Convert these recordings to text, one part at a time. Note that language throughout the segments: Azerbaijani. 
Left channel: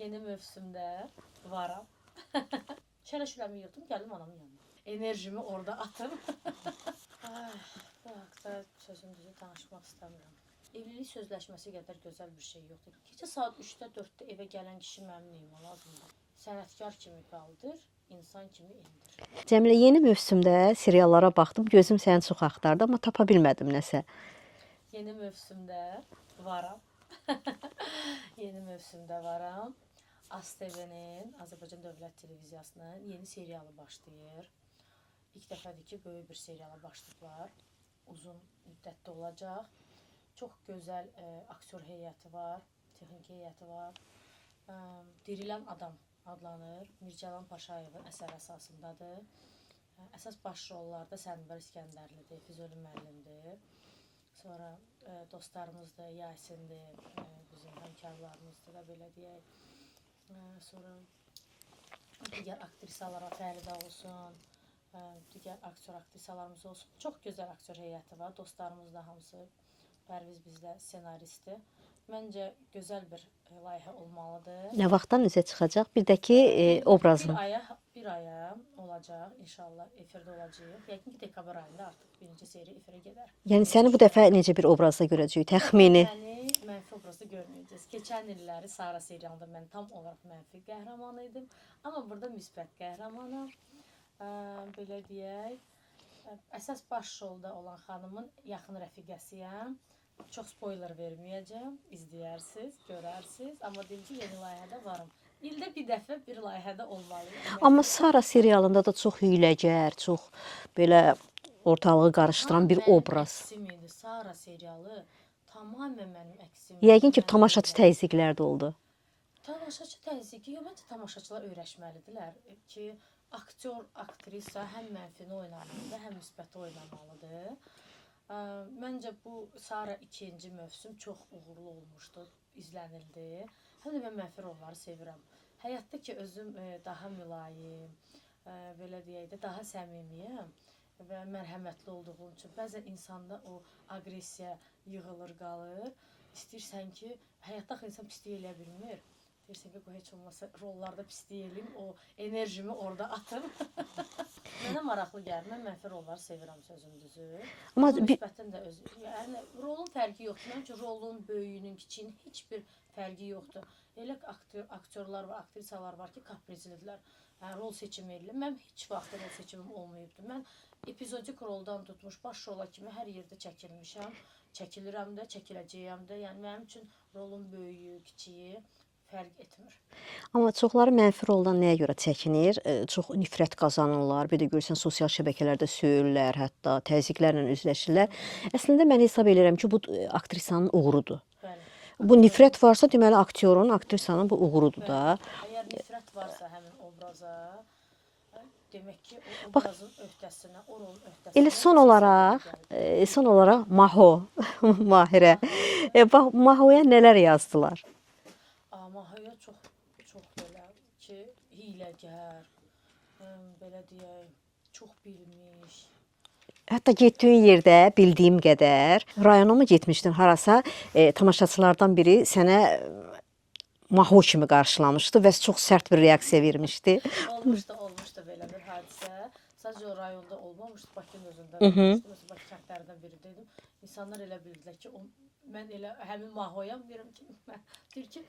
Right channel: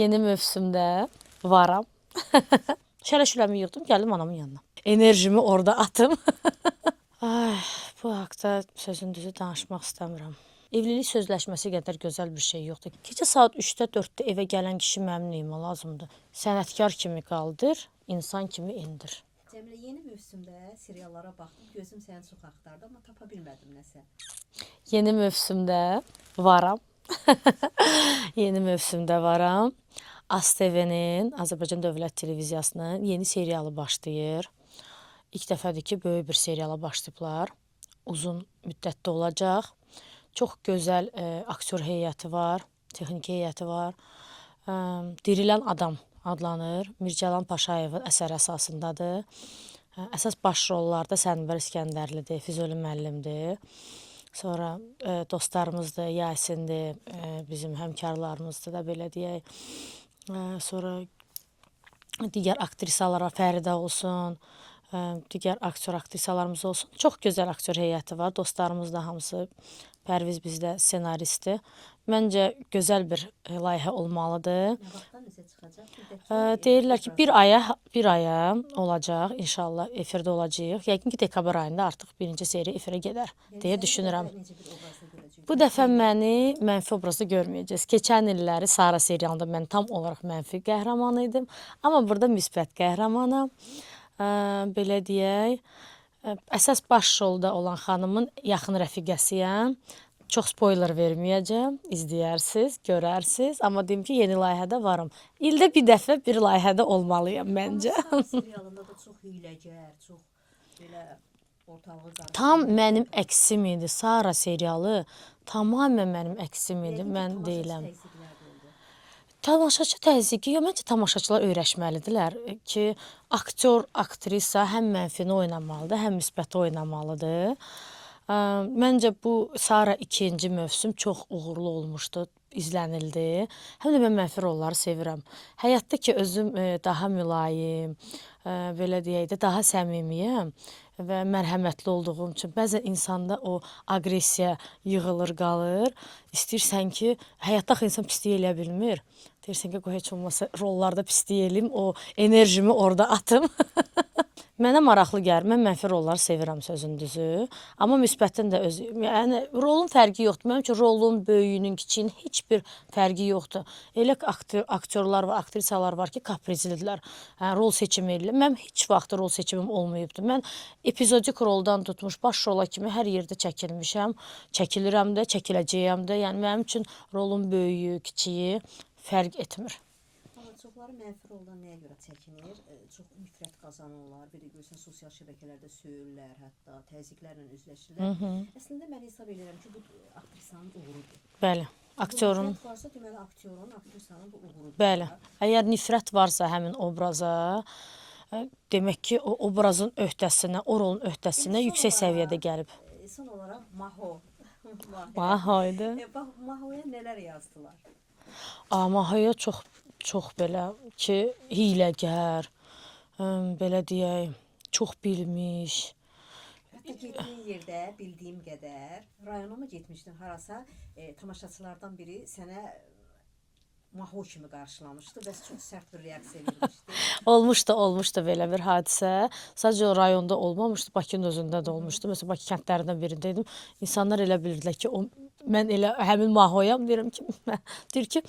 Yeni mövsümdə varam. Şələşüləmi yığdım, gəldim anamın yanına. Enerjimi orada atım. Ay, bu haqda sözün düzü danışmaq istəmirəm. Evlilik sözləşməsi qədər gözəl bir şey yoxdur. Gecə saat 3-də 4-də evə gələn kişi mənim neyimə lazımdır? Sənətkar kimi qaldır, insan kimi indir. Cəmilə, yeni mövsümdə seriallara baxdım, gözüm səni çox axtardı, amma tapa bilmədim nəsə. Yeni mövsümdə varam. Yeni mövsümdə varam. ASTV-nin, Azərbaycan Dövlət Televiziyasının yeni serialı başlayır. İlk dəfədir ki, böyük bir seriala başlayıblar. Uzun müddətdə olacaq. Çox gözəl aktyor heyəti var, texniki heyəti var. Dirilən Adam adlanır. Mircəlan Paşayevin əsəri əsasındadır. Əsas baş rollarda Sənvər İskəndərlidir, Füzuli müəllimdir. Sonra dostlarımızdır, Yasindir, bizim həmkarlarımızdır da belə deyək. Sonra digər aktrisalara Fəridə olsun, digər aktyor aktrisalarımız olsun. Çox gözəl aktyor heyəti var. Dostlarımız da hamısı. Pərviz bizdə ssenaristdir. Məncə gözəl bir layihə olmalıdır. Nə vaxtdan üzə çıxacaq? Bir də ki, Deyirlər ki, obrazı. bir aya olacaq. İnşallah efirdə olacağıq. Yəqin ki, dekabr ayında artıq birinci seriya efirə gedər. Yəni səni bu dəfə necə bir obrazda görəcəyik? Bu dəfə məni mənfi obrazda görməyəcəksiniz. Keçən illəri Sara serialında mən tam olaraq mənfi qəhrəman idim. Amma burada müsbət qəhrəmanam. Belə deyək. Əsas baş rolda olan xanımın yaxın rəfiqəsiyəm. Çox spoiler verməyəcəm. İzləyərsiniz, görərsiniz. Amma deyim ki, yeni layihədə varım. İldə bir dəfə bir layihədə olmalıyam məncə. Amma Sara serialında da çox hiyləgər, çox belə ortalığı qarışdıran bir Tam mənim obraz. əksim idi. Sara serialı tamamilə mənim əksim idi. Yəqin ki, tamaşaçı təzyiqlər də oldu. Tamaşaçı təzyiqi, yox, məncə tamaşaçılar öyrəşməlidirlər ki, aktyor, aktrisa həm mənfini oynamalıdır, həm müsbəti oynamalıdır. Məncə bu Sara ikinci mövsüm çox uğurlu olmuşdu, izlənildi. Həm də mən mənfi rolları sevirəm. Həyatda ki, özüm daha mülayim, belə deyək də, daha səmimiyəm və mərhəmətli olduğum üçün bəzən insanda o aqressiya yığılır, qalır. İstəyirsən ki, həyatda axı insan pislik eləyə bilmir. Deyirsən ki, qoy heç olmasa rollarda pislik eləyim, o enerjimi orada atım. Mənə maraqlı gəlir. Mən mənfi rolları sevirəm sözün düzü. Amma müsbətin də özü. Yəni rolun fərqi yoxdur. Mənim üçün rolun, böyüyünün, kiçiyinin heç bir fərqi yoxdur. Elə aktyorlar var, aktrisalar var ki, kaprizlidirlər. Rol seçimi edirlər. Mənim heç vaxt rol seçimim olmayıbdır. Mən epizodik roldan tutmuş baş rola kimi hər yerdə çəkilmişəm. Çəkilirəm də, çəkiləcəyəm də. Yəni mənim üçün rolun böyüyü, kiçiyi fərq etmir. Amma çoxları mənfi roldan nəyə görə çəkinir? Çox nifrət qazanırlar. Bir də görürsən sosial şəbəkələrdə söyürlər, hətta təzyiqlərlə üzləşirlər. Əslində mən hesab edirəm ki, bu aktrisanın uğurudur. Bəli. Bu nifrət varsa, deməli aktyorun, aktrisanın bu uğurudur da. Əgər nifrət varsa həmin obraza, demək ki, o obrazın öhdəsinə, o rolun öhdəsinə yüksək səviyyədə gəlib. Son olaraq Maho, Mahirə. Bax, Mahoya nələr yazdılar? Mahoya çox belə ki, hiyləgər, belə deyək, çox bilmiş. Hətta getdiyin yerdə bildiyim qədər, rayona mı getmişdin harasa, tamaşaçılardan biri sənə Maho kimi qarşılamışdı və çox sərt bir reaksiya vermişdi. Olmuşdu belə bir hadisə. Sadəcə o rayonda olmamışdı, Bakının özündə də olmuşdu. Məsələn, Bakı kəndlərindən birində idim. İnsanlar elə bilirdilər ki, mən elə həmin Mahoyam, deyirəm ki, deyir ki,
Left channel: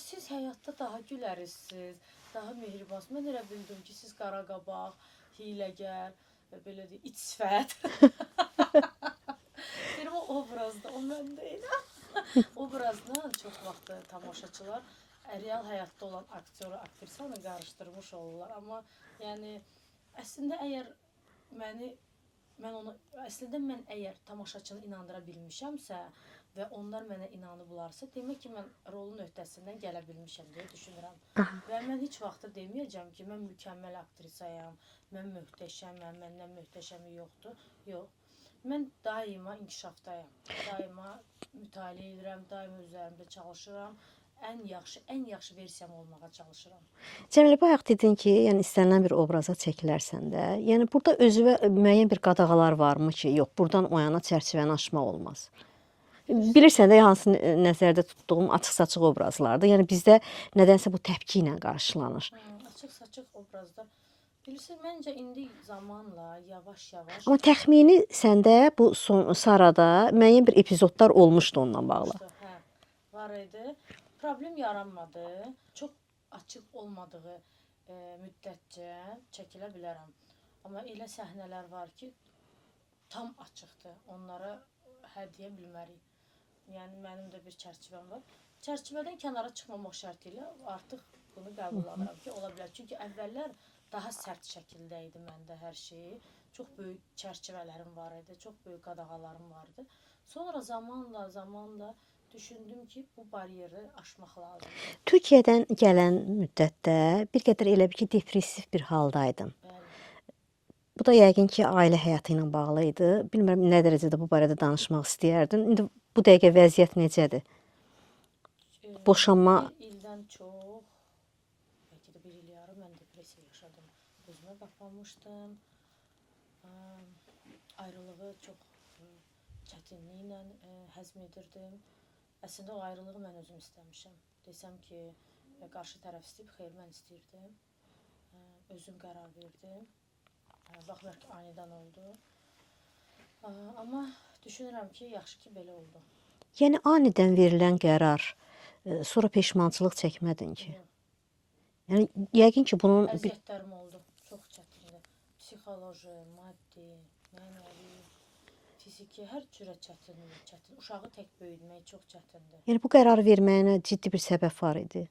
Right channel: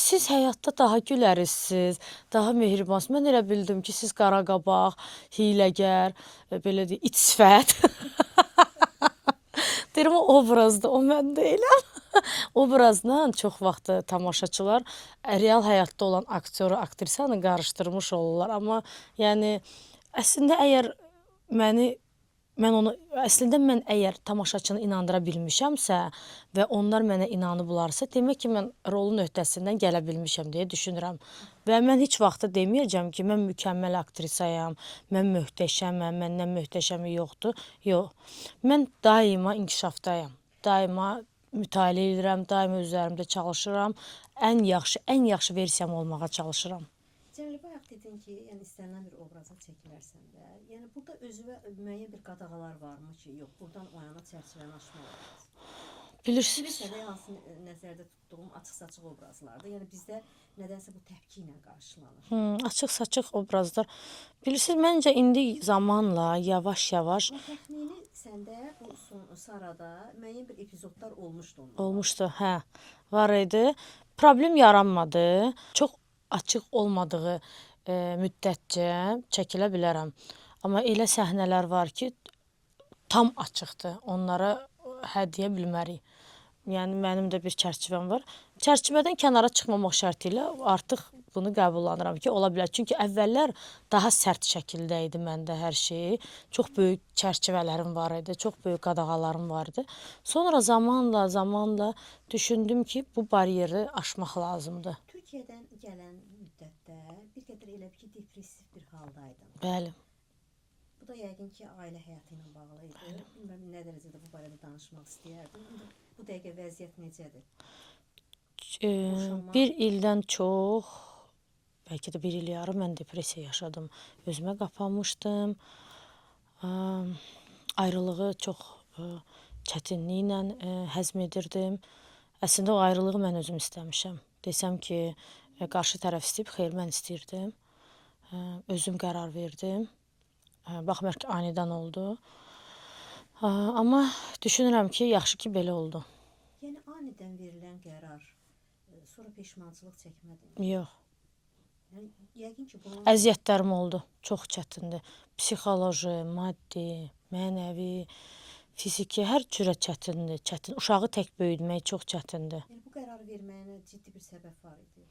siz həyatda daha gülərisiz, daha mehribansınız. Mən elə bildim ki, siz qaraqabaq, hiyləgər, belə deyək, it sifət. Deyirəm, o obrazda, o mən deyiləm. Obrazla çox vaxt tamaşaçılar real həyatda olan aktyoru, aktrisanı qarışdırmış olurlar. Amma yəni, əslində mən əgər tamaşaçını inandıra bilmişəmsə və onlar mənə inanıblarsa, demək ki, mən rolun öhdəsindən gələ bilmişəm deyə düşünürəm. Və mən heç vaxt deməyəcəm ki, mən mükəmməl aktrisayam, mən möhtəşəməm, məndən möhtəşəmi yoxdur. Yox, mən daima inkişafdayam, daima mütaliə edirəm, daima üzərimdə çalışıram. Ən yaxşı versiyam olmağa çalışıram. Cəmilə, bayaq dedin ki, yəni istənilən bir obraza çəkilərsən də. Yəni burada özünə müəyyən bir qadağalar varmı ki, yox, buradan o yana çərçivəni aşmaq olmaz? Bilirsən də hansı nəzərdə tutduğum açıq-saçıq obrazlardır. Yəni bizdə nədənsə bu təpki ilə qarşılanır. Açıq-saçıq obrazlar. Bilirsiniz, məncə indi zamanla yavaş-yavaş Amma təxmini səndə bu Sarada müəyyən bir epizodlar olmuşdu onunla bağlı. olmuşdu. Hə, var idi. Problem yaranmadı. Çox açıq olmadığı müddətcə çəkilə bilərəm. Amma elə səhnələr var ki, tam açıqdır. Onlara hə deyə bilmərik. Yəni mənim də bir çərçivəm var. Çərçivədən kənara çıxmamaq şərti ilə artıq bunu qəbullanıram ki, ola bilər. Çünki əvvəllər daha sərt şəkildə idi məndə hər şey. Çox böyük çərçivələrim var idi, çox böyük qadağalarım var idi. Sonra zamanla düşündüm ki, bu bariyeri aşmaq lazımdır. Türkiyədən gələn müddətdə bir qədər elə bir ki, depressiv bir haldaydın. Bəli. Bu da yəqin ki, ailə həyatı ilə bağlı idi. Bilmirəm nə dərəcədə bu barədə danışmaq istəyərdin. İndi bu dəqiqə vəziyyət necədir? Boşanma Bir ildən çox, bəlkə də bir il yarım mən depressiya yaşadım. Özümə qapanmışdım. Ayrılığı çox çətinliklə həzm edirdim. Əslində o ayrılığı mən özüm istəmişəm. Desəm ki, qarşı tərəf istəyib, xeyr, mən istəyirdim. Özüm qərar verdim. Baxmayaraq ki, anidən oldu. Amma düşünürəm ki, yaxşı ki, belə oldu. Yəni anidən verilən qərar, sonra peşmançılıq çəkmədin ki. Yox. Yəni yəqin ki, bunun Əziyyətlərim oldu. Çox çətindir. Psixoloji, maddi, mənəvi, fiziki, hər cürə çətindir. Çətin. Uşağı tək böyütmək çox çətindir. yəni bu qərar verməyinə ciddi bir səbəb var idi.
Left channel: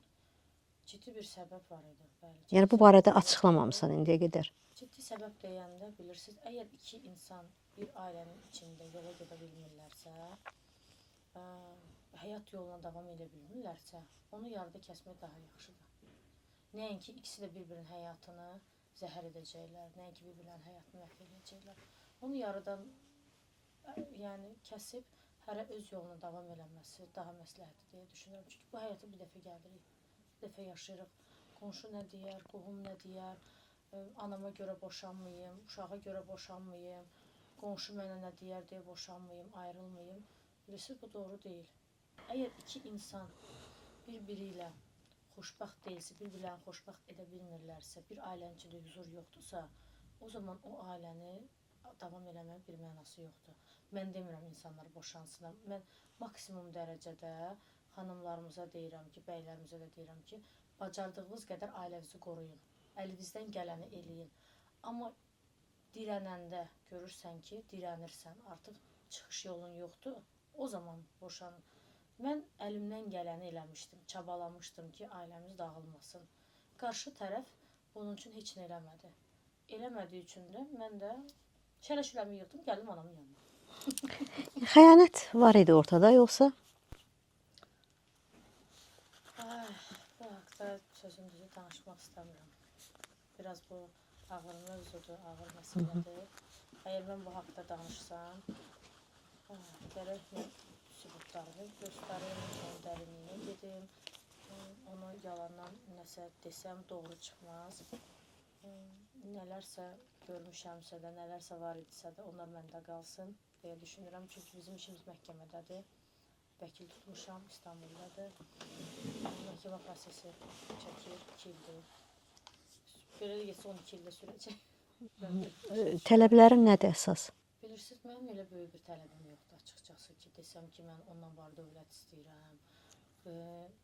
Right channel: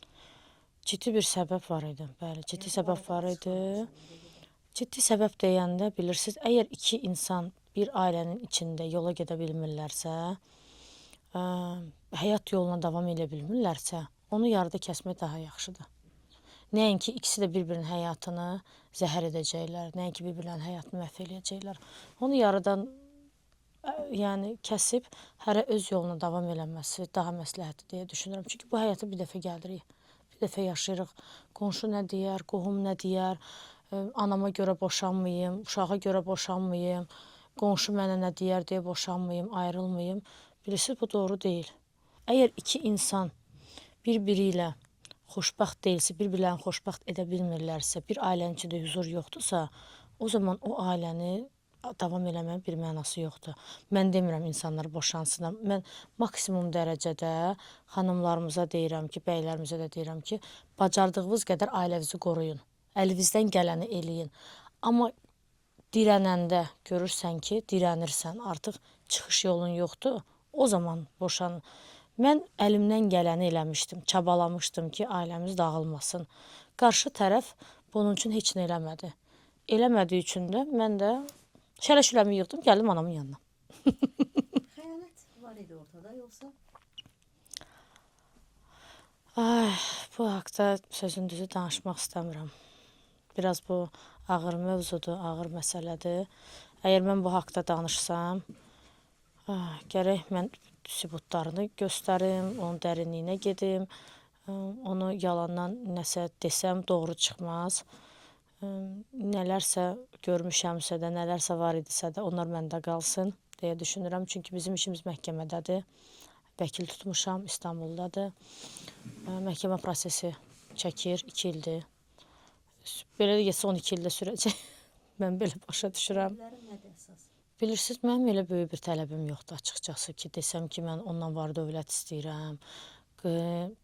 Ciddi bir səbəb var idi. Bəli, ciddi Yəni bu səbəb barədə var idi. açıqlamamısan indiyə qədər. Ciddi səbəb deyəndə bilirsiniz, əgər iki insan bir ailənin içində yola gedə bilmirlərsə, həyat yoluna davam edə bilmirlərsə, onu yarıda kəsmək daha yaxşıdır. Nəinki ikisi də bir-birinin həyatını zəhər edəcəklər, nəinki bir-birinin həyatını məhv eləyəcəklər. Onu yarıdan yəni kəsib hərə öz yoluna davam eləməsi daha məsləhətdir deyə düşünürəm. Çünki bu həyata bir dəfə gəlirik, bir dəfə yaşayırıq. Qonşu nə deyər, qohum nə deyər, anama görə boşanmayım, uşağa görə boşanmayım, qonşu mənə nə deyər deyə boşanmayım, ayrılmayım. Bilirsiniz, bu doğru deyil. Əgər iki insan bir-biri ilə xoşbəxt deyilsə, bir-birlərini xoşbəxt edə bilmirlərsə, bir ailənin içində huzur yoxdursa, o zaman o ailəni davam eləməyin bir mənası yoxdur. Mən demirəm insanlar boşansın. Mən maksimum dərəcədə xanımlarımıza deyirəm ki, bəylərimizə də deyirəm ki, bacardığınız qədər ailənizi qoruyun. Əlinizdən gələni eləyin. Amma dirənəndə görürsən ki, dirənirsən, artıq çıxış yolun yoxdur, o zaman boşan. Mən əlimdən gələni eləmişdim, çabalamışdım ki, ailəmiz dağılmasın. Qarşı tərəf bunun üçün heç nə eləmədi. Eləmədiyi üçün də mən də şələşüləmi yığdım, gəldim anamın yanına. Xəyanət var idi ortada, yoxsa? Ay, bu haqda sözün düzü danışmaq istəmirəm. Biraz bu ağır mövzudur, ağır məsələdir. Əgər mən bu haqda danışsam, gərək mən sübutlarını göstərim, onun dərinliyinə gedim, onu yalandan nəsə desəm doğru çıxmaz. Nələrsə görmüşəmsə də, nələrsə var idisə də onlar məndə qalsın deyə düşünürəm. Çünki bizim işimiz məhkəmədədir. Vəkil tutmuşam, İstanbuldadır. Məhkəmə prosesi çəkir, 2 ildir. Belə də getsə 12 ildə sürəcək. Mən belə başa düşürəm. Tələblərin nədir əsas? Bilirsiniz, mənim elə böyük bir tələbim yoxdur açıqcası ki, desəm ki, mən ondan var dövlət istəyirəm.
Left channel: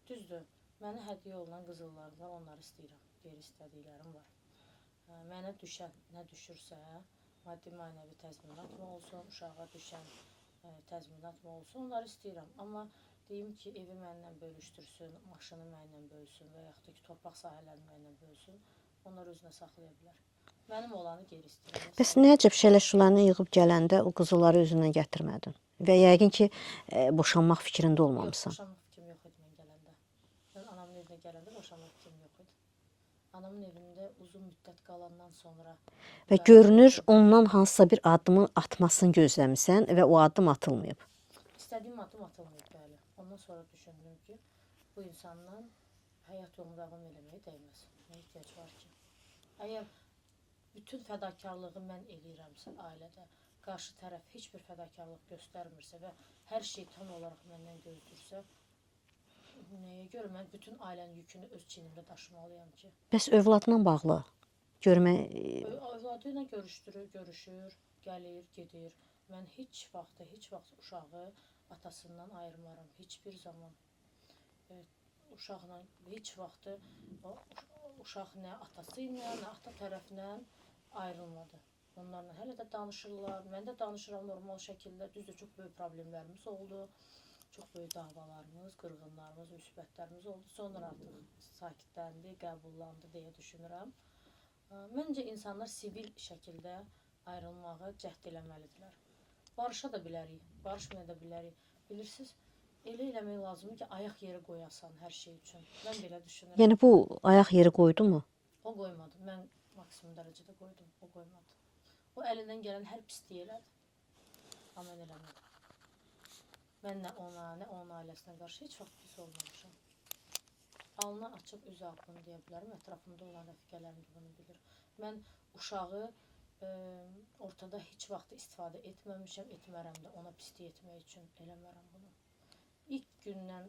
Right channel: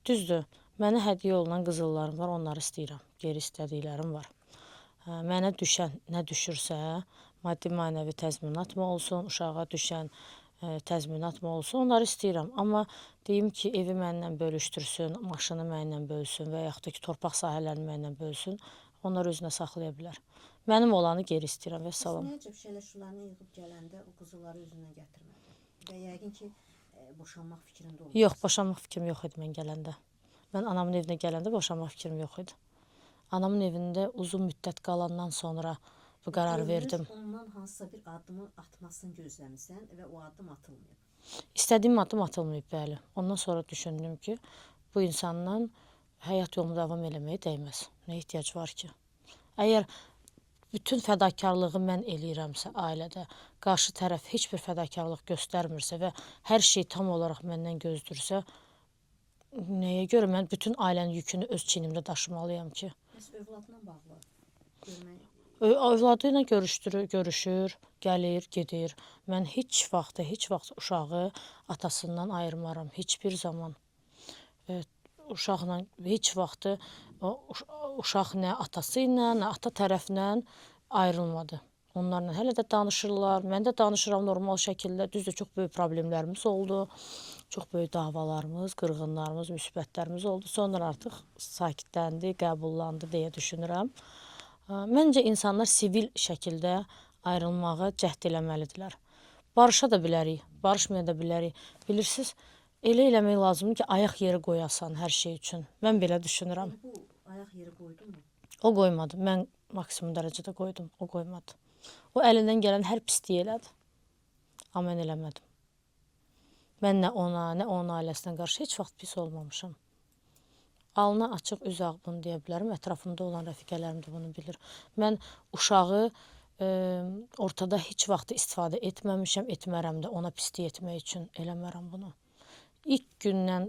Düzdür, mənə hədiyyə olunan qızıllarım var, onları istəyirəm. Geri istədiklərim var. Mənə düşən nə düşürsə, maddi mənəvi təzminat mı olsun, uşağa düşən təzminat mı olsun, onları istəyirəm. Amma deyim ki, evi mənlə bölüşdürsün, maşını mənlə bölsün və yaxud da ki, torpaq sahələrini mənlə bölsün, onlar özünə saxlaya bilər. Mənim olanı geri istəyirəm. Bəs nə əcəb şələşularını yığıb gələndə o qızılları özündən gətirmədin? Və yəqin ki, boşanmaq fikrində olmalısan. Yox, boşanmaq fikrim yox idi mən gələndə. Mən anamın evinə gələndə boşanmaq fikrim yox idi. Anamın evində uzun müddət qalandan sonra bu Və qərar görünür, verdim. ondan hansısa bir addımın atmasını gözləmisən və o addım atılmayıb. İstədiyim addım atılmayıb, bəli. Ondan sonra düşündüm ki, bu insandan həyat yolunu davam eləməyə dəyməz. Nə ehtiyac var ki? Əgər bütün fədakarlığı mən eləyirəmsə ailədə, qarşı tərəf heç bir fədakarlıq göstərmirsə və hər şey tam olaraq məndən gözlürsə, nəyə görə mən bütün ailənin yükünü öz çiynimdə daşımalıyam ki? Bəs övladla bağlı görmə Övladı ilə görüşür, gəlir, gedir. Mən heç vaxt uşağı atasından ayırmaram, heç bir zaman. Uşaqla heç vaxt uşaq nə atası ilə, nə ata tərəfindən ayrılmadı. Onlarla hələ də danışırlar, mən də danışıram normal şəkildə. Düzdür, çox böyük problemlərimiz oldu. Çox böyük davalarımız, qırğınlarımız, müsibətlərimiz oldu. Sonra artıq sakitləndi, qəbullandı deyə düşünürəm. Məncə insanlar sivil şəkildə ayrılmağa cəhd eləməlidirlər. Barışa da bilərik, barışmaya da bilərik. Bilirsiniz, elə eləmək lazımdır ki, ayaq yeri qoyasan hər şey üçün. Mən belə düşünürəm. yəni bu ayaq yeri qoydumu? O qoymadı. Mən maksimum dərəcədə qoydum. O qoymadı. O əlindən gələn hər pisliyi elədi. Amma mən eləmədim. Mən nə ona, nə onun ailəsinə qarşı heç vaxt pis olmamışam. Alnı açıq üz ağ bunu deyə bilərəm. Ətrafımda olan rəfiqələrim də bunu bilir. Mən uşağı ortada heç vaxt istifadə etməmişəm, etmərəm də ona pislik etmək üçün eləmərəm bunu. İlk gündən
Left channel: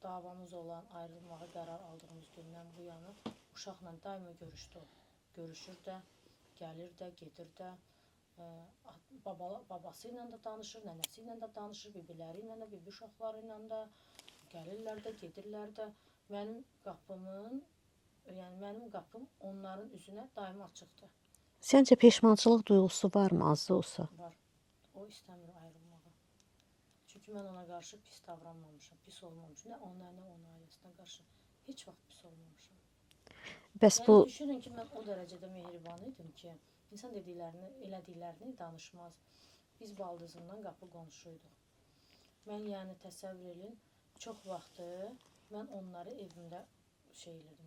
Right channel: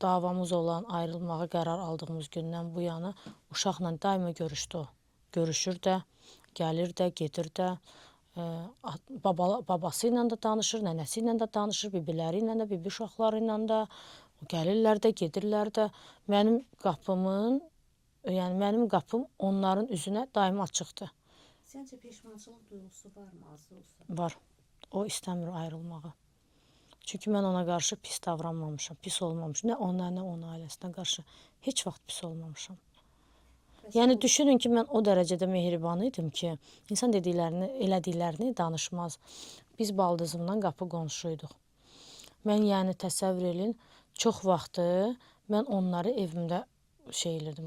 davamız olan, ayrılmağa qərar aldığımız gündən bu yana uşaqla daima görüşdü o. Görüşür də, gəlir də, gedir də. Babası ilə də danışır, nənəsi ilə də danışır, bibiləri ilə də, bibi uşaqları ilə də. Gəlirlər də, gedirlər də. Mənim qapım onların üzünə daima açıqdır. Səncə peşmançılıq duyğusu varmı, az da olsa? Var. O istəmir ayrılmağı. Çünki mən ona qarşı pis davranmamışam, pis olmamışam. Nə ona, nə onun ailəsinə qarşı heç vaxt pis olmamışam. Bəs Yəni bu düşünün ki, mən o dərəcədə mehriban idim ki, insan dediklərini, elədiklərini danışmaz. Biz baldızımla qapı qonşuyduq. Mən yəni təsəvvür edin, çox vaxtı mən onları evimdə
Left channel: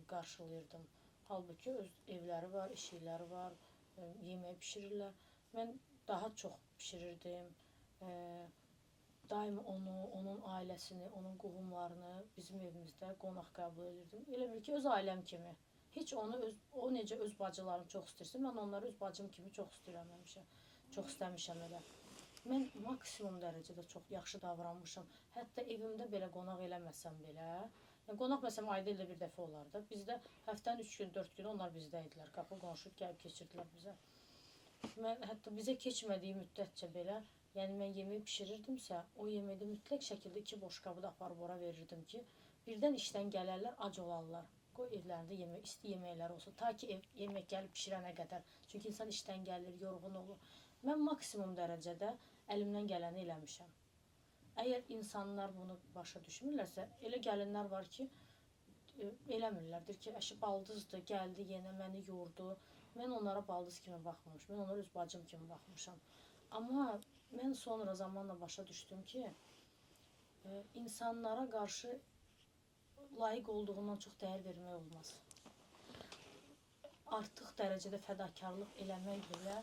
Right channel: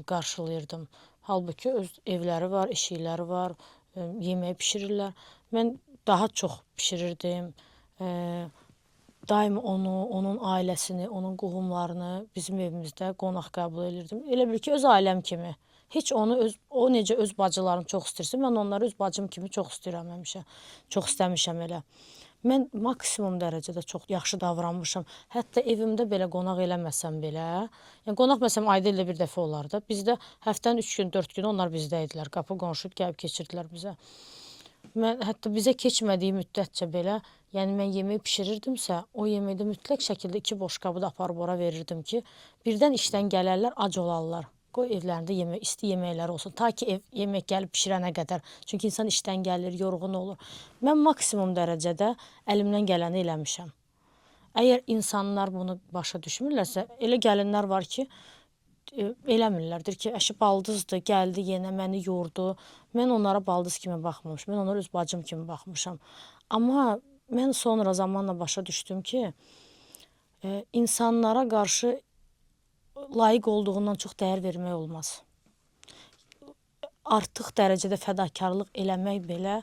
qarşılayırdım. Halbuki öz evləri var, eşikləri var, yemək bişirirlər. Mən daha çox bişirirdim. Daima onu, onun ailəsini, onun qohumlarını bizim evimizdə qonaq qəbul edirdim. Elə bil ki, öz ailəm kimi. Heç o necə öz bacılarını çox istəyirsə, mən onları öz bacım kimi çox istəyirəm həmişə. Çox istəmişəm elə. Mən maksimum dərəcədə çox yaxşı davranmışam. Hətta evimdə belə qonaq eləməsəm belə, yəni qonaq məsələn ayda ildə bir dəfə olardı. Bizdə həftənin 3 gün, 4 gün onlar bizdə idilər. Qapı qonşu gəlib keçirdilər bizə. Mən hətta bizə keçmədiyi müddətcə belə, yəni mən yemək bişirirdimsə, o yeməkdə mütləq şəkildə 2 boşqabı da aparıb ora verirdim ki, birdən işdən gələrlər, ac olarlar. Qoy evlərində isti yeməkləri olsun. Ta ki yemək gəlib bişirənə qədər. Çünki insan işdən gəlir, yorğun olur. Mən maksimum dərəcədə əlimdən gələni eləmişəm. Əgər insanlar bunu başa düşmürlərsə, elə gəlinlər var ki, eləmirlər. Deyir ki, əşi baldızdır, gəldi yenə məni yordu. Mən onlara baldız kimi baxmamışam. Mən onlara öz bacım kimi baxmışam. Amma mən sonra zamanla başa düşdüm ki, insanlara qarşı layiq olduğundan çox dəyər vermək olmaz. Artıq dərəcədə fədakarlıq eləmək belə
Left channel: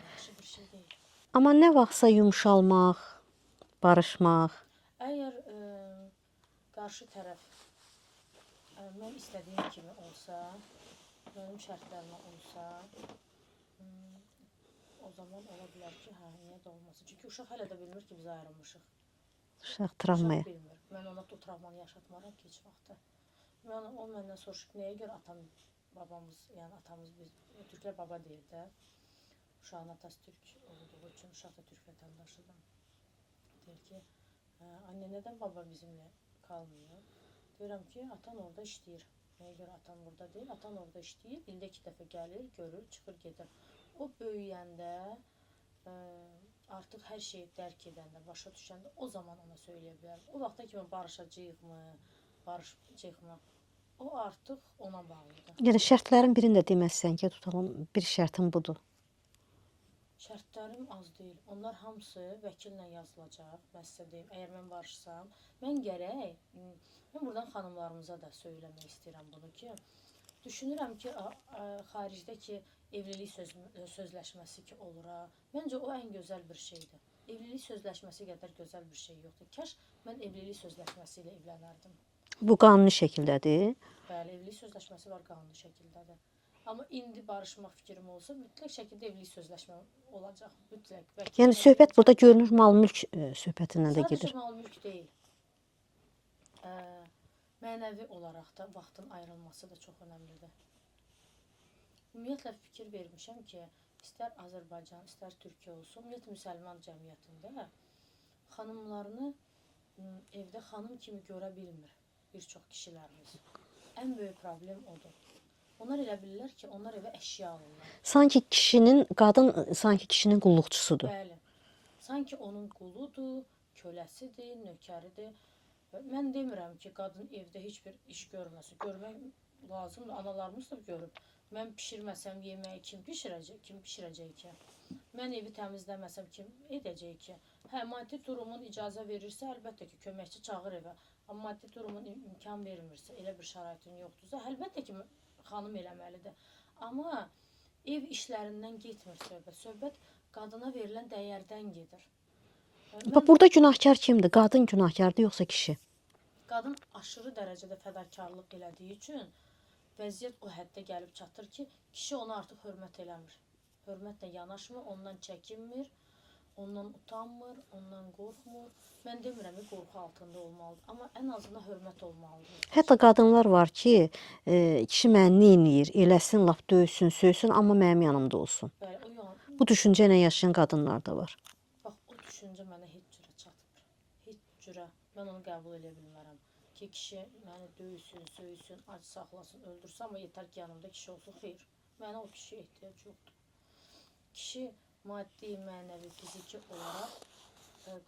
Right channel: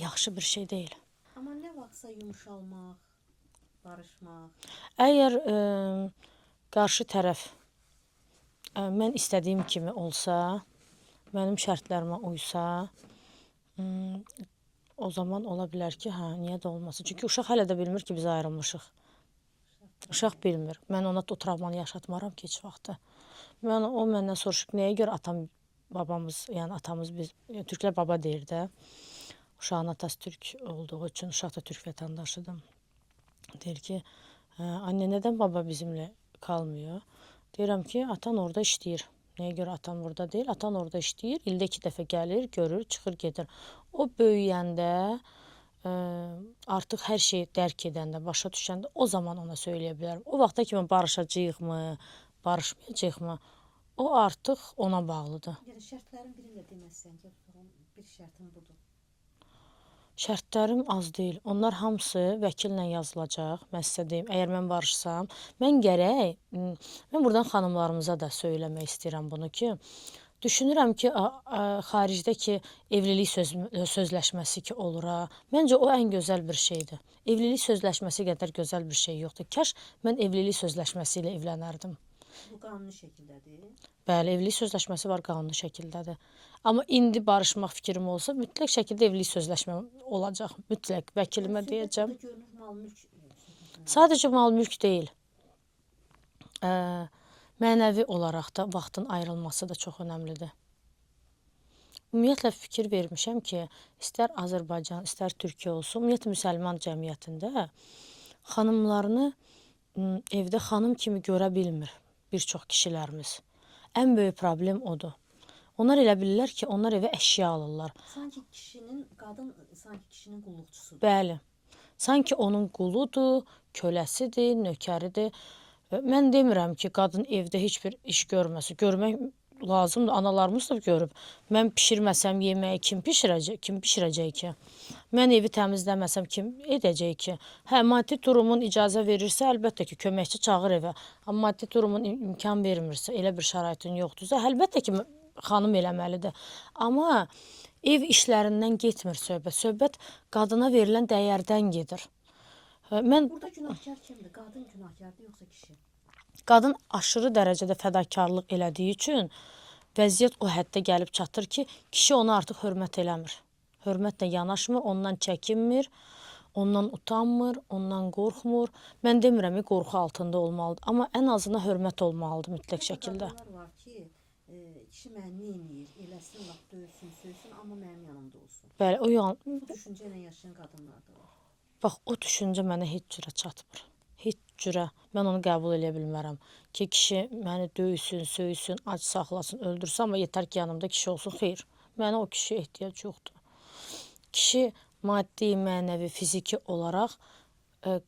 yaxşı bir şey deyil. amma nə vaxtsa yumşalmaq, barışmaq, Əgər qarşı tərəf mən istədiyim kimi olsa, mənim şərtlərimə uysa, o zaman ola bilər ki, hə, niyə də olmasın. Çünki uşaq hələ də bilmir ki, biz ayrılmışıq. uşaq Uşaq travmaya. bilmir. Mən ona o travmanı yaşatmaram ki, heç vaxtı. O məndən soruşub, nəyə görə atam, babamız, yəni atamız biz, türklər baba deyir də. Uşağın atası türk olduğu üçün, uşaq da türk vətəndaşıdır. Deyir ki, anne nədən baba bizimlə qalmıyor? Deyirəm ki, atan orada işləyir. Nəyə görə atan burada deyil? Atan orada işləyir, ildə 2 dəfə gəlir, görür, çıxır, gedir. O böyüyəndə, artıq hər şeyi dərk edəndə, başa düşəndə o zaman ona söyləyə bilərəm. O vaxta kimi barışacağıq-mı, barışmayacağıq-mı, o artıq ona bağlıdır. Yəni şərtlərin birini də deməzsən ki, tutalım bir şərtim budur. Şərtlərim az deyil. Onlar hamısı vəkillə yazılacaq. Mən sizə deyim, əgər mən barışsam, mən buradan xanımlarımıza da söyləmək istəyirəm bunu ki, düşünürəm ki, xaricdəki evlilik sözləşməsi ki olur ha, məncə o ən gözəl bir şeydir. Evlilik sözləşməsi qədər gözəl bir şey yoxdur. Kaş mən evlilik sözləşməsi ilə evlənərdim. Bu qanuni şəkildədir. Bəli, evlilik sözləşməsi var, qanuni şəkildədir. Amma indi barışmaq fikrim olsa mütləq şəkildə evlilik sözləşmə olacaq. Mütləq Yəni vəkilimə söhbət deyəcəm. burada görünür mal-mülk söhbətindən də Sadəcə gedir. mal-mülk deyil. Ə, Mənəvi olaraq da vaxtın ayrılması da çox önəmlidir. Ümumiyyətlə fikir vermişəm ki, istər Azərbaycan, istər Türkiyə olsun, ümumiyyətlə müsəlman cəmiyyətində xanımlarını evdə xanım kimi görə bilmir bir çox kişilərimiz. Ən böyük problem odur. Onlar elə bilirlər ki, onlar evə əşya alırlar. Sanki sanki kişinin qulluqçusudur. Bəli. Sanki onun quludur, köləsidir, nökəridir. Mən demirəm ki, qadın evdə heç bir iş görməsin. Görmək lazımdır. Analarımız da görüb. Mən bişirməsəm yeməyi kim bişirəcək ki? Mən evi təmizləməsəm kim edəcək ki? Hə, maddi durumun icazə verirsə, əlbəttə ki, köməkçi çağır evə. Amma maddi durumun imkan vermirsə, elə bir şəraitin yoxdursa, əlbəttə ki, xanım eləməlidir. Amma ev işlərindən getmir söhbət. Söhbət qadına verilən dəyərdən gedir. Burada günahkar kimdir? Qadın günahkardır yoxsa kişi? Qadın aşırı dərəcədə fədakarlıq elədiyi üçün vəziyyət o həddə gəlib çatır ki, kişi ona artıq hörmət eləmir. Hörmətlə yanaşmır, ondan çəkinmir, ondan utanmır, ondan qorxmur. Mən demirəm ki, qorxu altında olmalıdır, amma ən azından hörmət olmalıdır mütləq Hətta şəkildə. qadınlar var ki, kişi məni neyniyir, eləsin, lap döysün, söysün, amma mənim yanımda olsun. Bəli, Bu düşüncə ilə yaşayan qadınlar da var. bax, o düşüncə mənə heç cürə çatmır. Heç cürə. Mən onu qəbul edə bilmərəm. Ki, kişi məni döysün, söysün, ac saxlasın, öldürsün, amma yetər ki, yanımda kişi olsun. Xeyr, mənə o kişiyə ehtiyac yoxdur. Kişi maddi, mənəvi, fiziki olaraq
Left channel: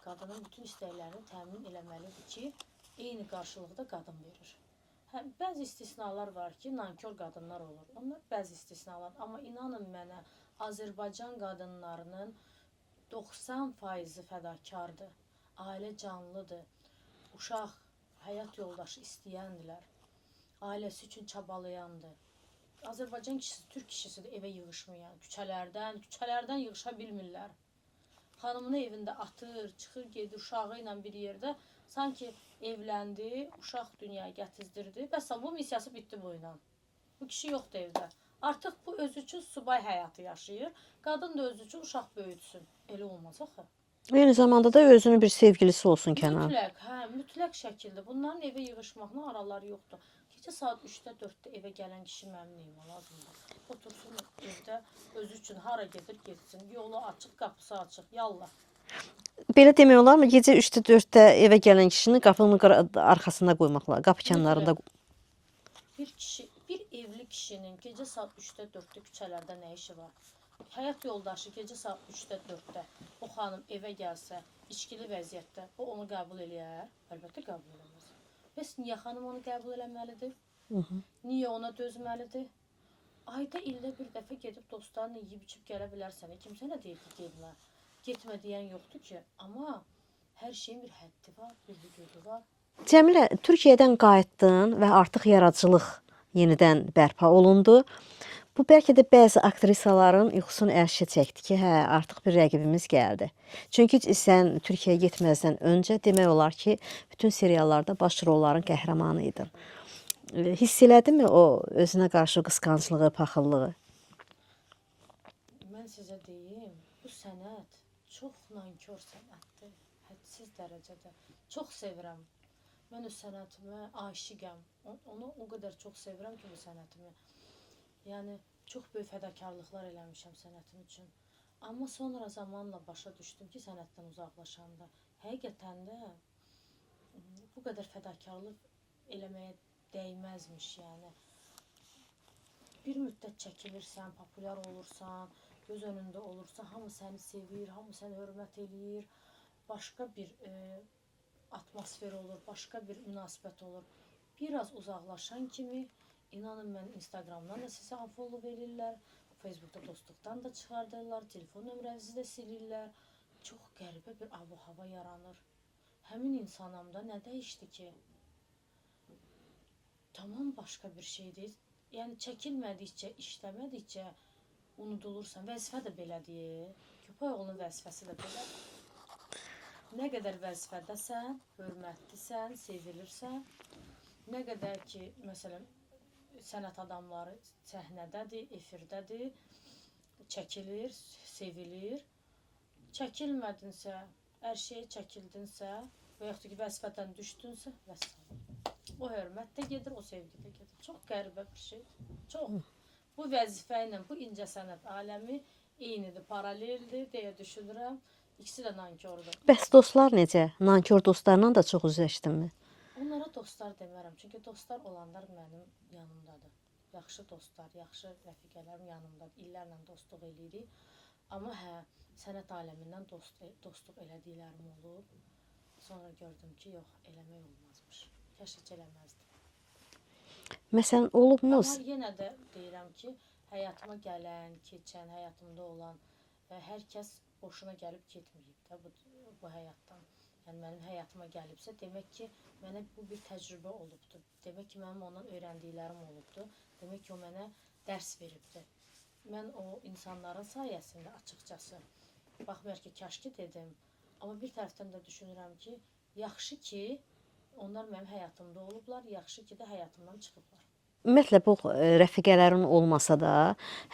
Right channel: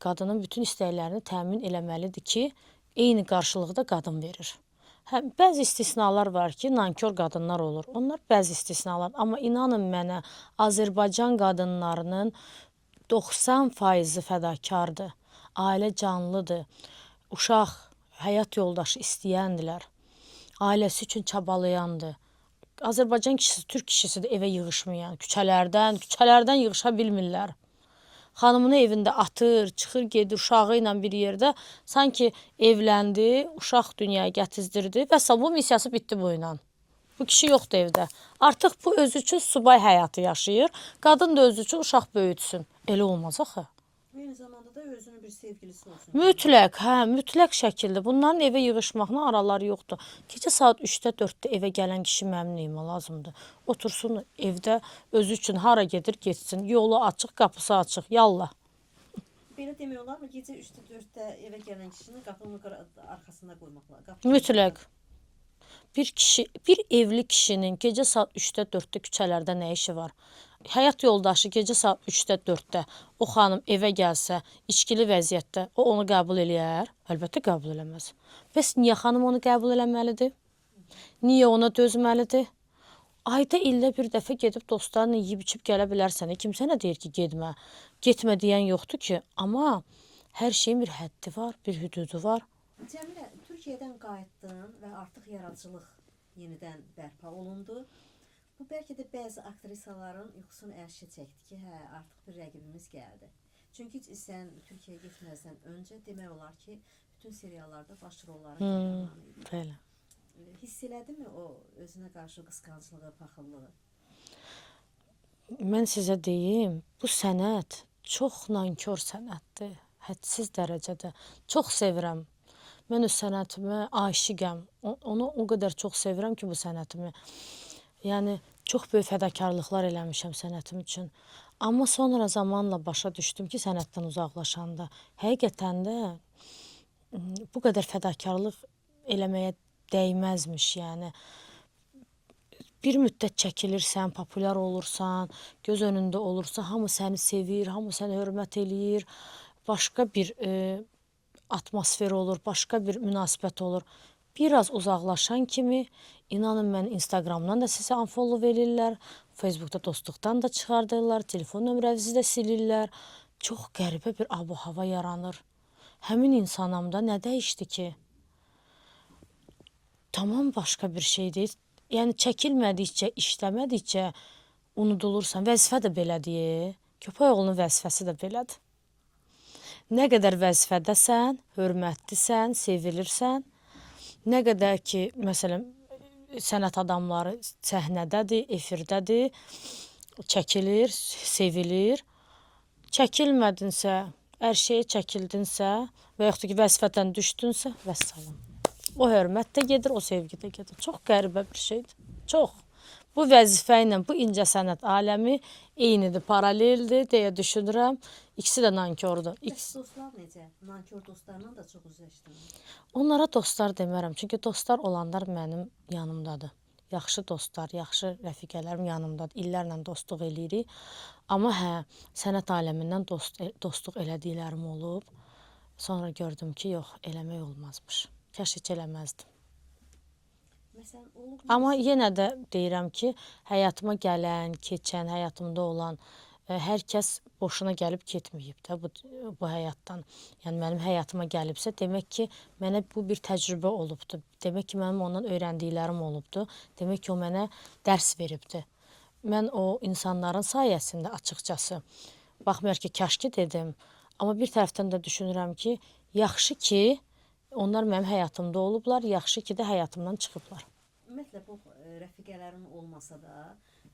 qadının bütün istəklərini təmin eləməlidir ki, eyni qarşılıqda qadın verir. Hə, bəzi istisnalar var ki, nankor qadınlar olur. Onlar bəzi istisnalar. Amma inanın mənə, Azərbaycan qadınlarının 90% fədakardır. Ailə canlıdır. Uşaq, həyat yoldaşı istəyəndirlər. Ailəsi üçün çabalayandır. Azərbaycan kişisi, türk kişisi də evə yığışmayan, küçələrdən yığışa bilmirlər. Xanımını evində atır, çıxır, gedir uşağı ilə bir yerdə. Sanki evləndi, uşaq dünyaya gətizdirdi və bu missiyası bitdi bu ilə. Bu kişi yoxdur evdə. Artıq bu özü üçün subay həyatı yaşayır. Qadın da özü üçün uşaq böyütsün. Elə olmaz axı. Eyni zamanda da özünün bir sevgilisi olsun kənarda. Mütləq, hə, mütləq şəkildə. Bunların evə yığışmaqla araları yoxdur. Gecə saat 3-də, 4-də evə gələn kişi mənim nəyimə lazımdır? Otursun evdə özü üçün hara gedir, getsin. Yolu açıq, qapısı açıq. Yallah. Belə demək olarmı? Gecə 3-də, 4-də evə gələn kişini qapının arxasında qoymaqlar, qapı kənarında. Mütləq. Bir evli kişinin gecə saat 3-də, 4-də küçələrdə nə işi var? Həyat yoldaşı gecə saat 3-də, 4-də o xanım evə gəlsə, içkili vəziyyətdə o onu qəbul eləyər? Əlbəttə qəbul eləməz. Bəs niyə xanım onu qəbul eləməlidir? Niyə ona dözməlidir? Ayda ildə bir dəfə gedib dostlarla yeyib içib gələ bilərsən. Kimsə nə deyir ki, getmə. Getmə deyən yoxdur ki, amma hər şeyin bir həddi var, bir hüdudu var. Cəmilə, Türkiyədən qayıtdın və artıq yaradıcılıq yenidən bərpa olundu. Bu bəlkə də bəzi aktrisaların yuxusunu ərşə çəkdi ki, hə, artıq bir rəqibimiz gəldi. Çünki sən Türkiyəyə getməzdən öncə demək olar ki, bütün seriallarda baş rolların qəhrəmanı idin. Hiss elədinmi o özünə qarşı qısqanclığı, paxıllığı? Mən sizə deyim, bu sənət çox nankor sənətdir. Hədsiz dərəcədə. Çox sevirəm. Mən öz sənətimə aşiqəm. Onu o qədər çox sevirəm ki, bu sənətimi. Yəni, çox böyük fədakarlıqlar eləmişəm sənətim üçün. Amma sonra zamanla başa düşdüm ki, sənətdən uzaqlaşanda, həqiqətən də bu qədər fədakarlıq eləməyə dəyməzmiş, yəni. Bir müddət çəkilirsən, populyar olursan, göz önündə olursa, hamı səni sevir, hamı səni hörmət eləyir, başqa bir atmosfer olur, başqa bir münasibət olur. Biraz uzaqlaşan kimi, inanın mən Instagramdan da sizə unfollow verirlər, Facebookda dostluqdan da çıxardırlar, telefon nömrənizi də silirlər. Çox qəribə bir abu-hava yaranır. Həmin insanamda nə dəyişdi ki? Tamam başqa bir şey deyil. Yəni çəkilmədikcə, işləmədikcə unudulursan. Vəzifə də belədir. Köpək oğlunun vəzifəsi də belədir. Nə qədər vəzifədəsən, hörmətlisən, sevilirsən, nə qədər ki, məsələn, sənət adamları səhnədədir, efirdədir, çəkilir, sevilir. Çəkilmədinsə, hər şeyə çəkildinsə və yaxud da ki, vəzifədən düşdünsə, vəssalam. O hörmət də gedir, o sevgi də gedir. Çox qəribə bir şeydir. Çox. Bu vəzifə ilə bu incəsənət aləmi eynidir, paraleldir deyə düşünürəm. İkisi də nankordur. Bəs dostlar necə? Nankor dostlarla da çox üzləşdinmi? Onlara dostlar demərəm, çünki dostlar olanlar mənim yanımdadır. Yaxşı dostlar, yaxşı rəfiqələrim yanımdadır. İllərlə dostluq eləyirik. Amma hə, sənət aləmindən dostluq elədiklərim olub. Sonra gördüm ki, yox, eləmək olmazmış. Kəş heç eləməzdim. Məsələn, olubmu? Amma yenə də deyirəm ki, həyatıma gələn, keçən, həyatımda olan hər kəs boşuna gəlib getməyib də bu həyatdan. Yəni mənim həyatıma gəlibsə, demək ki, mənə bu bir təcrübə olubdu. Demək ki, mənim ondan öyrəndiklərim olubdu. Demək ki, o mənə dərs veribdi. Mən o insanların sayəsində açıqcası, baxmayaraq ki, kəşki dedim, amma bir tərəfdən də düşünürəm ki, yaxşı ki, onlar mənim həyatımda olublar, yaxşı ki də həyatımdan çıxıblar. Ümumiyyətlə bu rəfiqələrin olmasa da,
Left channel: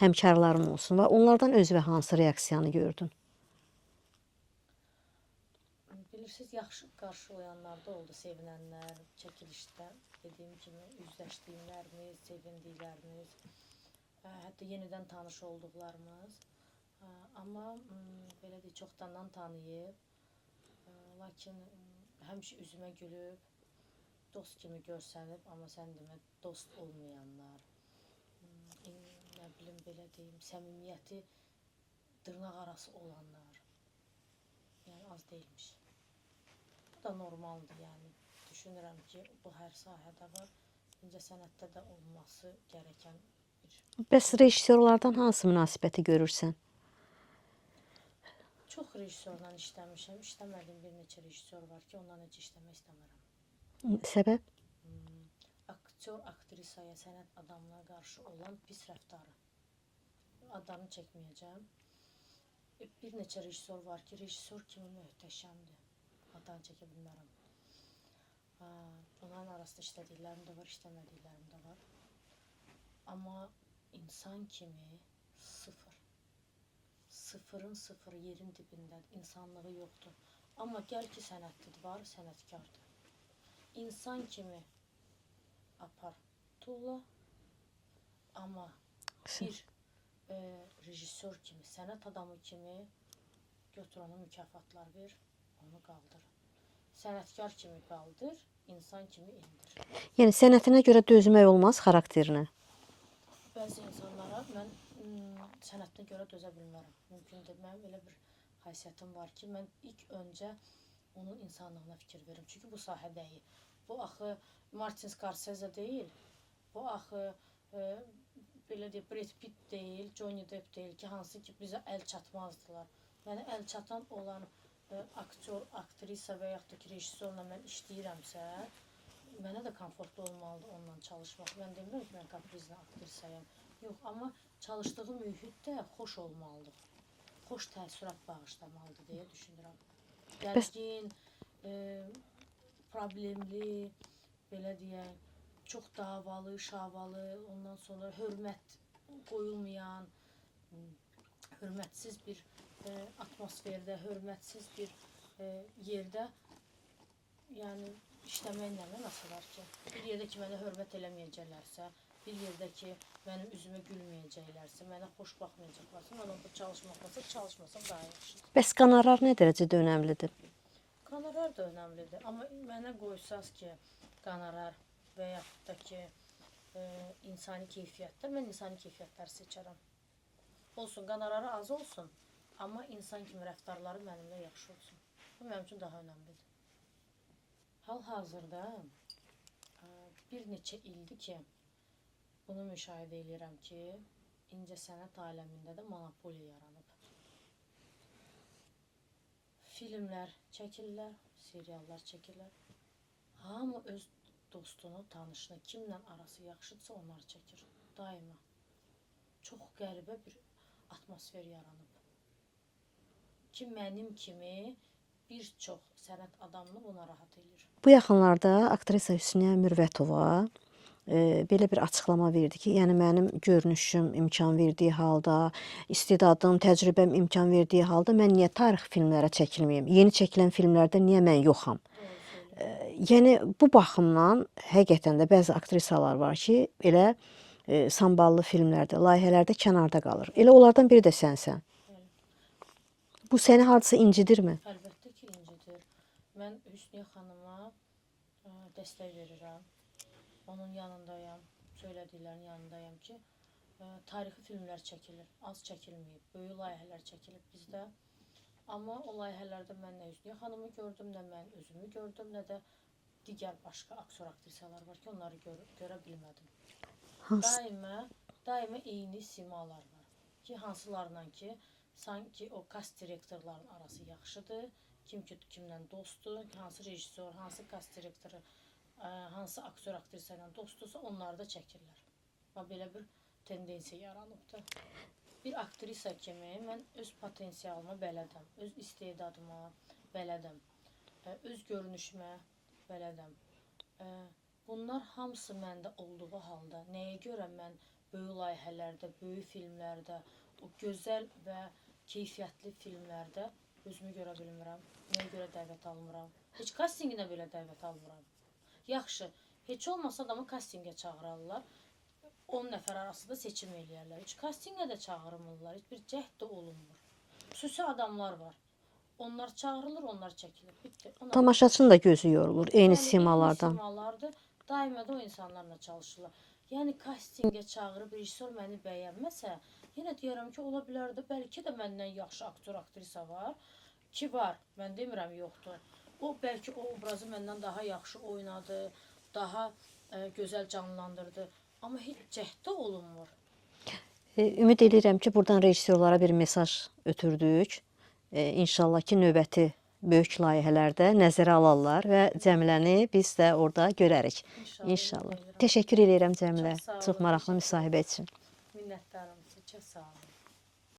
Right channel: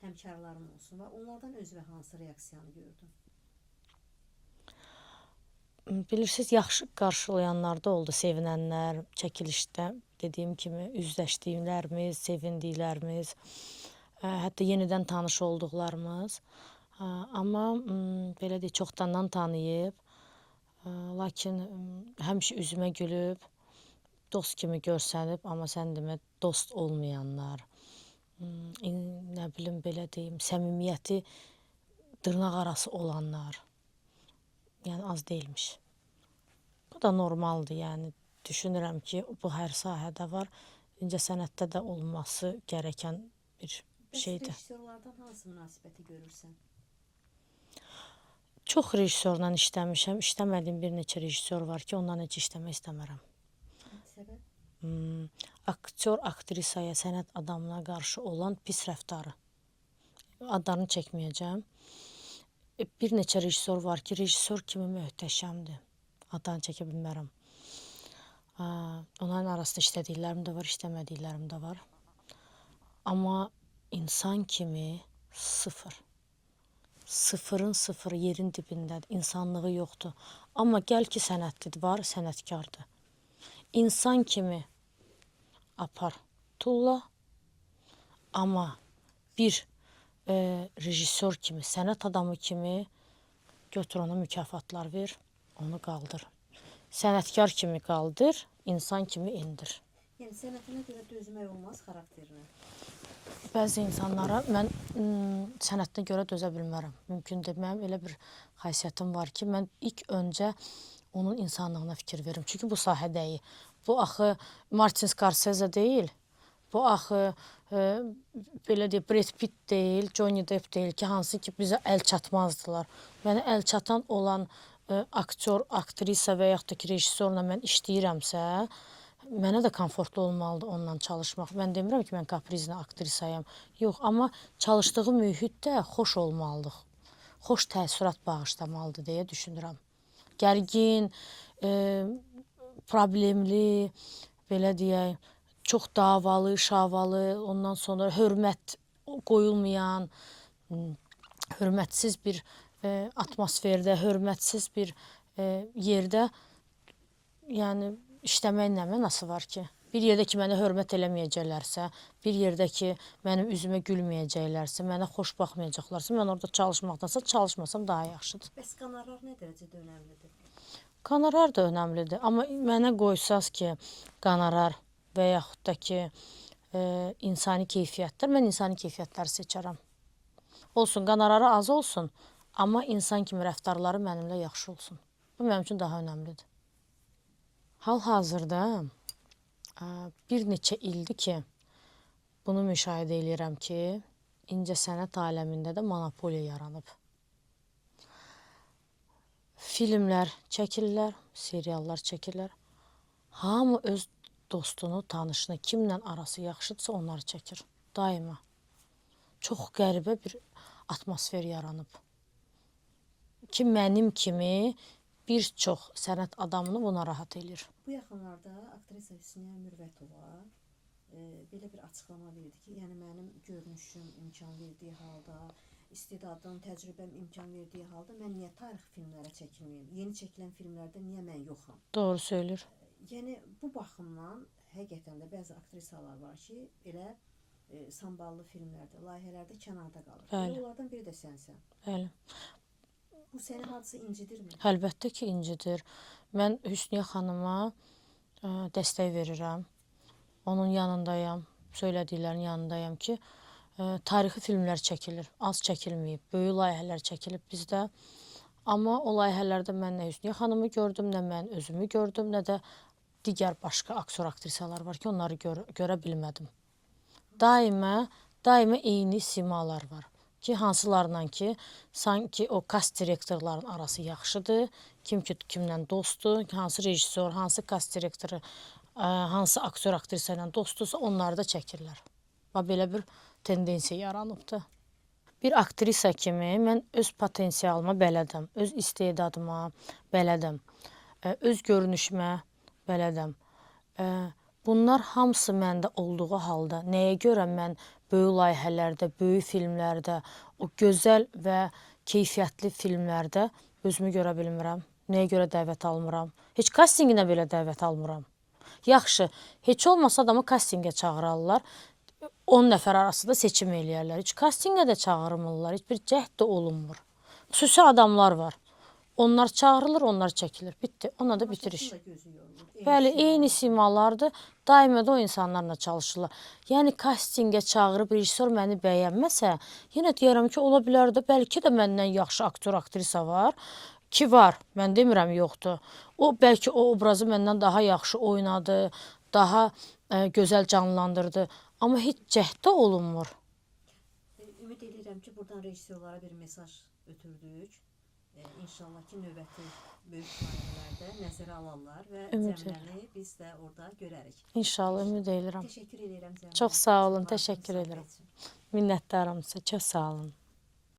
həmkarların olsun və onlardan özünə hansı reaksiyanı gördün? Bilirsiniz, yaxşı qarşılayanlar da oldu, sevinənlər, çəkilişdə dediyim kimi üzləşdiklərimiz, sevindiklərimiz, hətta yenidən tanış olduqlarımız. Amma belə deyək, çoxdandan tanıyıb, lakin həmişə üzümə gülüb, dost kimi görsənib, amma sən demə dost olmayanlar, nə bilim belə deyim, səmimiyyəti dırnaq arası olanlar, yəni az deyilmiş. Bu da normaldır, yəni düşünürəm ki, bu hər sahədə var, incəsənətdə də olması gərəkən bir Bəs şeydir. rejissorlardan hansı münasibəti görürsən? Çox rejissorla işləmişəm, işləmədiyim bir neçə rejissor var ki, ondan heç işləmək istəmərəm. Səbəb? Aktyor, aktrisaya, sənət adamına qarşı olan pis rəftarı. Adlarını çəkməyəcəm. Bir neçə rejissor var ki, rejissor kimi möhtəşəmdir. Adlarını çəkə bilmərəm. Onların arasında işlədiklərim də var, işləmədiklərim də var. Amma insan kimi sıfır. Sıfırın sıfırı yerin dibindədir. İnsanlığı yoxdur. Amma gəl ki, sənətlidir, var, sənətkardır. İnsan kimi apar, tulla. Amma bir rejissor kimi, sənət adamı kimi götür ona mükafatlar ver, onu qaldır. Sənətkar kimi qaldır, insan kimi indir. Yəni sənətinə görə dözmək olmaz xarakterinə. Bəzi insanlara mən sənətinə görə dözə bilmərəm. Mümkündür. Mənim elə bir xasiyyətim var ki, mən ilk öncə onun insanlığına fikir verim. Çünki bu sahədəyik. Bu axı Martin Scorsese deyil. Bu axı belə deyək, Brad Pitt deyil, Johnny Depp deyil ki, hansı ki bizə əl çatmazdılar. Mənə əl çatan olan aktyor, aktrisa və yaxud da ki, rejissorla mən işləyirəmsə, mənə də komfortlu olmalıdır onunla çalışmaq. Mən demirəm ki, mən kaprizli aktrisayam. Yox, amma çalışdığı mühit də xoş olmalıdır. Xoş təəssürat bağışlamalıdır deyə düşünürəm. Gərgin, problemli, belə deyək, çox davalı, şavalı, ondan sonra hörmət qoyulmayan, hörmətsiz bir atmosferdə, hörmətsiz bir yerdə, yəni işləməyin nə mənası var ki? Bir yerdə ki, mənə hörmət eləməyəcəklərsə, bir yerdə ki, mənim üzümə gülməyəcəklərsə, mənə xoş baxmayacaqlarsa, mən orada çalışmaqdansa çalışmasam daha yaxşıdır. Bəs qonorar nə dərəcədə önəmlidir? Qonorar da önəmlidir, amma mənə qoysaz ki, qonorar və yaxud da ki, insani keyfiyyətlər, mən insani keyfiyyətləri seçərəm. Olsun, qonorarı az olsun, amma insan kimi rəftarları mənimlə yaxşı olsun. Bu mənim üçün daha önəmlidir. Hal-hazırda bir neçə ildir ki, bunu müşahidə edirəm ki, incəsənət aləmində də monopoliya yaranıb. Filmlər çəkirlər, seriallar çəkirlər. Hamı öz dostunu, tanışını, kimlə arası yaxşıdırsa onları çəkir. Daima. Çox qəribə bir atmosfer yaranıb. Ki, mənim kimi bir çox sənət adamını buna rahat eləyir. Bu yaxınlarda aktrisa Hüsniyyə Mürvətova belə bir açıqlama verdi ki, yəni mənim görünüşüm imkan verdiyi halda, istedadım, təcrübəm imkan verdiyi halda mən niyə tarix filmlərə çəkilməyim? Yeni çəkilən filmlərdə niyə mən yoxam? Doğru söyləyir. Yəni bu baxımdan həqiqətən də bəzi aktrisalar var ki, elə samballı filmlərdə, layihələrdə kənarda qalır. Elə onlardan biri də sənsən. Bəli. Bu səni hardasa incidirmi? Əlbəttə ki, incidir. Mən Hüsniyə xanıma dəstək verirəm. Onun yanındayam, söylədiklərinin yanındayam ki, tarixi filmlər çəkilir, az çəkilməyib, böyük layihələr çəkilib bizdə. Amma o layihələrdə mən nə Hüsniyə xanımı gördüm, nə mən özümü gördüm, nə də digər başqa aktor aktrisalar var ki, onları görə bilmədim. Daima eyni simalar var ki, hansılarla ki, sanki o kast direktorların arası yaxşıdır, kim ki kimlə dostdur, hansı rejissor, hansı kast direktoru, hansı aktor aktrisa ilə dostdursa onları da çəkirlər. Və belə bir tendensiya yaranıbdır. Bir aktrisa kimi mən öz potensialıma bələdəm, öz istedadıma bələdəm, öz görünüşümə bələdəm. Bunlar hamısı məndə olduğu halda nəyə görə mən böyük layihələrdə, böyük filmlərdə, o gözəl və keyfiyyətli filmlərdə özümü görə bilmirəm? Nəyə görə dəvət almıram? Heç kastinginə belə dəvət almıram. Yaxşı, heç olmasa adamı kastingə çağırarlar. 10 nəfər arasında seçim eləyərlər. Heç kastingə də çağırmırlar, heç bir cəhd də olunmur. Xüsusi adamlar var. Onlar çağırılır, onlar çəkilir. Bitdi. Tamaşaçının da gözü yorulur. Eyni Bəli, simalardan. eyni simalardır. Daima da o insanlarla çalışırlar. Yəni kastingə çağırıb rejissor məni bəyənməsə, yenə deyərəm ki, ola bilər də bəlkə də məndən yaxşı aktor, aktrisa var ki, var. Mən demirəm yoxdur. O bəlkə o obrazı məndən daha yaxşı oynadı, daha gözəl canlandırdı. Amma heç cəhd də olunmur. Ümid edirəm ki, buradan rejissorlara bir mesaj ötürdük. İnşallah ki, növbəti böyük layihələrdə nəzərə alarlar və Cəmiləni biz də orada görərik. İnşallah, ümid edirəm. Təşəkkür edirəm Cəmilə. Çox sağ olun, Çox maraqlı təşəkkür müsahibə üçün. Minnətdaram sizə, çox sağ olun.